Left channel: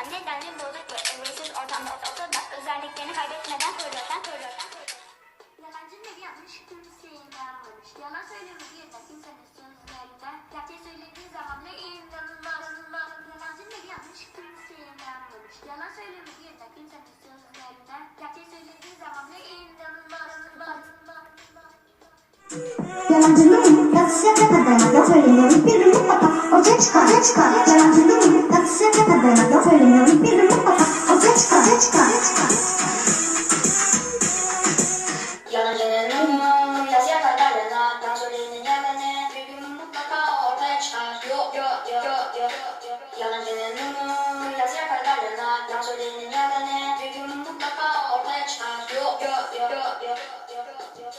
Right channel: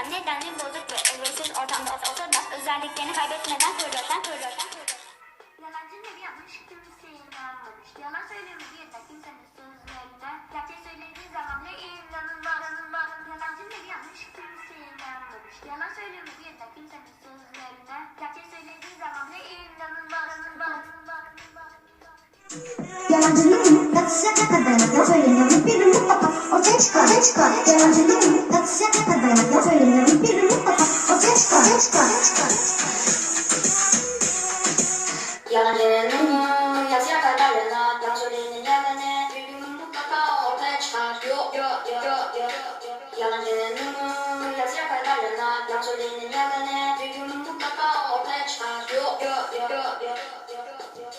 insan nedenli bozuk ve özgürsüz ortamda olsa da özelliklerini kaybetmeden koruyorsan koruyorsan Yalancının evi yanmış, kimse inanmamış. Yalan söylemediği de kimsenin sözlerine. Gerçeği söylediği zaman bile inanılmaz. inanılmaz. Yalancının evi yanmış, kimse inanmamış. Yalan söylemediği de kimsenin sözlerine. Gerçeği söylediği zaman bile inanılmaz. inanılmaz. Yalancının yatısı tepede Yok söyleniyor bir gün mutlaka ortaya çıkar Ortaya çıkar Yalancının yatısı tepede söyleyenin yalanı Bir gün mutlaka ortaya çıkar. Yo yo yo yo yo yo Yalancının yazıya kadarlarına Yalan söyleyenin yalanı Bir gün mutlaka ortaya çıkar. Yo yo yo yo yo yo yo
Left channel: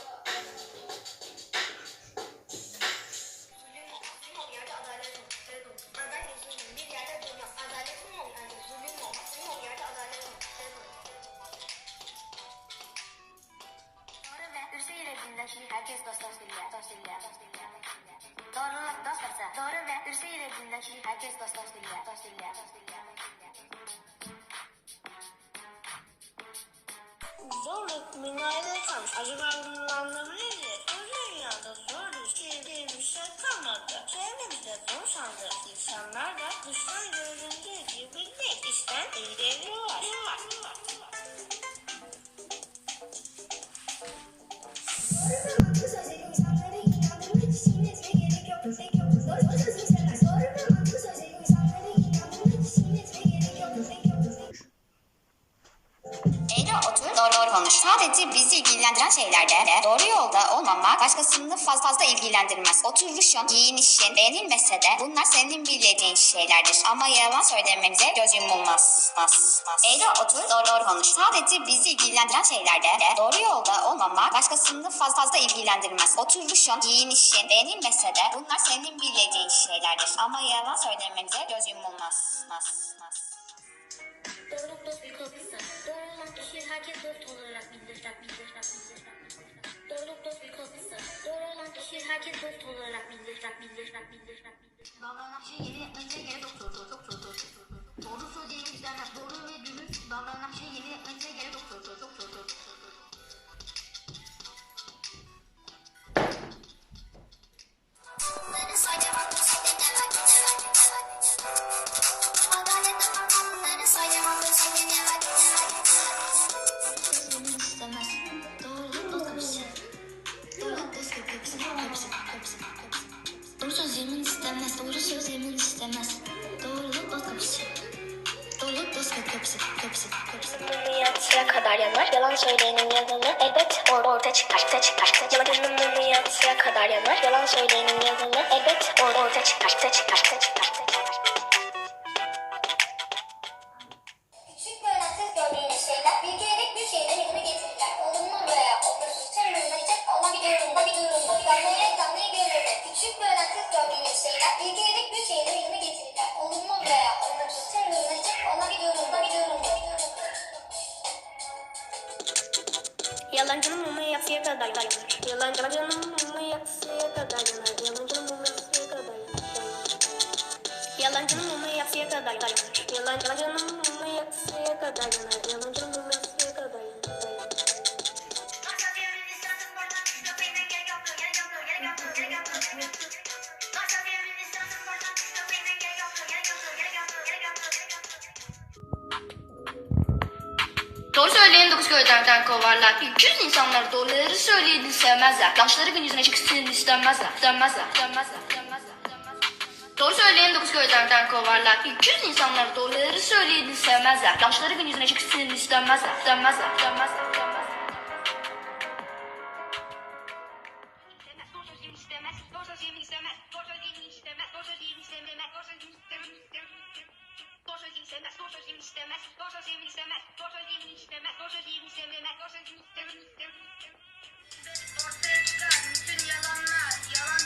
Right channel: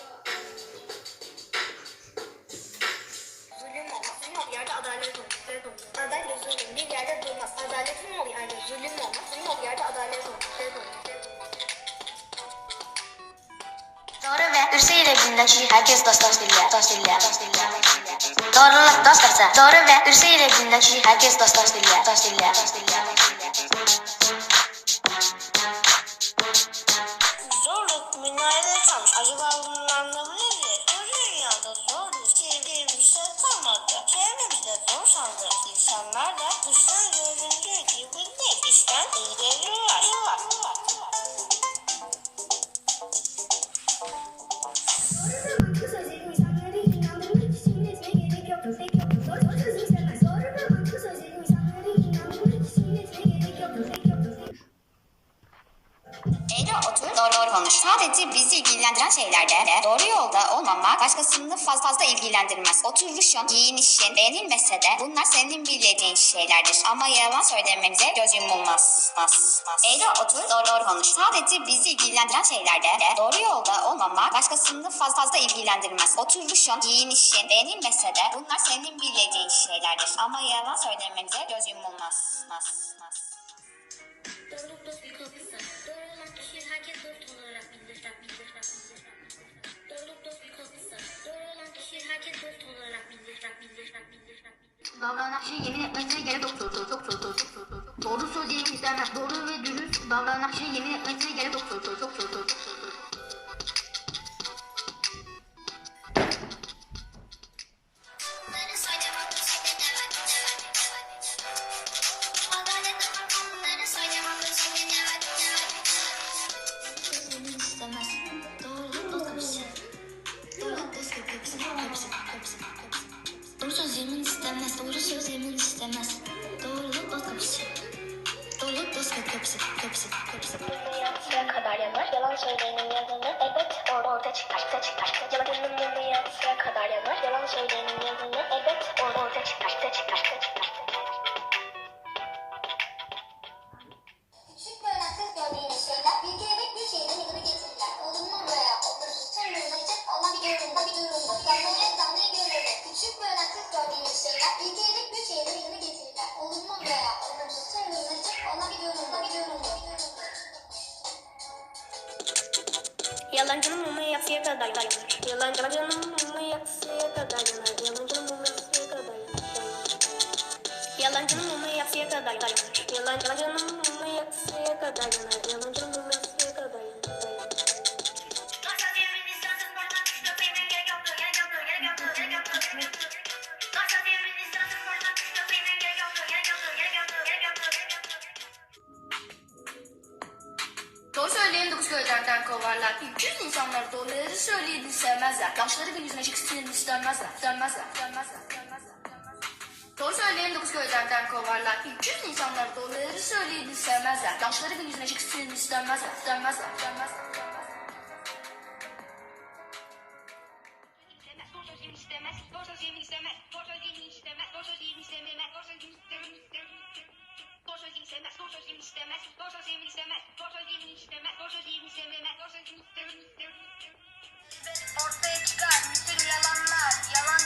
Zulüm. Zulüm olduğu yerde adalet olur. Adalet zulüm bir Doğru ile bilindeki herkes dost dost dille, dost dille. Doğruluk dost dostı. Doğru ve dürüst ile bilindeki herkes dost dost dille, dost dille. Zorluk minarede kalmış. Acaba bunun anlamı nedir? Bu dünyada zor bir şey şey kalmadı. Çevremizde zor sandığımız insanlar da dıştan göründüğü gibi değil. İşten iyi konuş. Sadece bizi ilgilendiren şeylerde doğru yolda olmamak başkasını fazla fazla ilgilendirmez. Oturuşun, giyinişin beğenilmese de bunlar senin bildiğin şeylerdir. Ama yalan söylememize göz yumulmaz. As, as. Eğri otur, doğru doğru konuş. Sadece bizi ilgilendiren şeylerde doğru yolda olmamak başkasını fazla fazla ilgilendirmez. Oturuşun, giyinişin beğenilmese de bunlar senin bildiğin şeylerdir. Ama yalan söylememize göz yumulmaz. As, as. Bilirler. Davranışını yemin etmesine gerek yoktur. Doğru söyleyeyim istemez. Doğru ve dürüst davranışını yemin etmesine gerek yoktur. Söyleyenin yalanı elbet orada ortaya çıkar. Ortaya çıkar. Yalanın mumu yatsıya kadar yanar. Yalan söyleyenin yalanı elbet orada ortaya çıkar. Ortaya çıkar. Ortaya çıkar. Yalancının mumu yatsıya kadar yanar. Yalancının mumu yatsıya kadar yanar. Yalancının mumu yatsıya kadar yanar. Yalancının mumu yatsıya kadar yanar. Yalancının mumu yatsıya kadar yanar. Yalancının mumu yatsıya kadar yanar. Doğru söyleyen dokuz köylerden kovarlar. Yüz insanlar doğruları söyleyeni sevmezler. Yanlışları gün yüzüne çıksın. İstemezler. İstemezler. İstemezler. Doğru söyleyen dokuz köylerden kovarlar. Yüz insanlar doğruları söyleyeni sevmezler. Yanlışları gün yüzüne çıksın istemezler. İstemezler. İstemezler. İstemezler. Ortaya çıkar. Bütün yalanlar. Yalan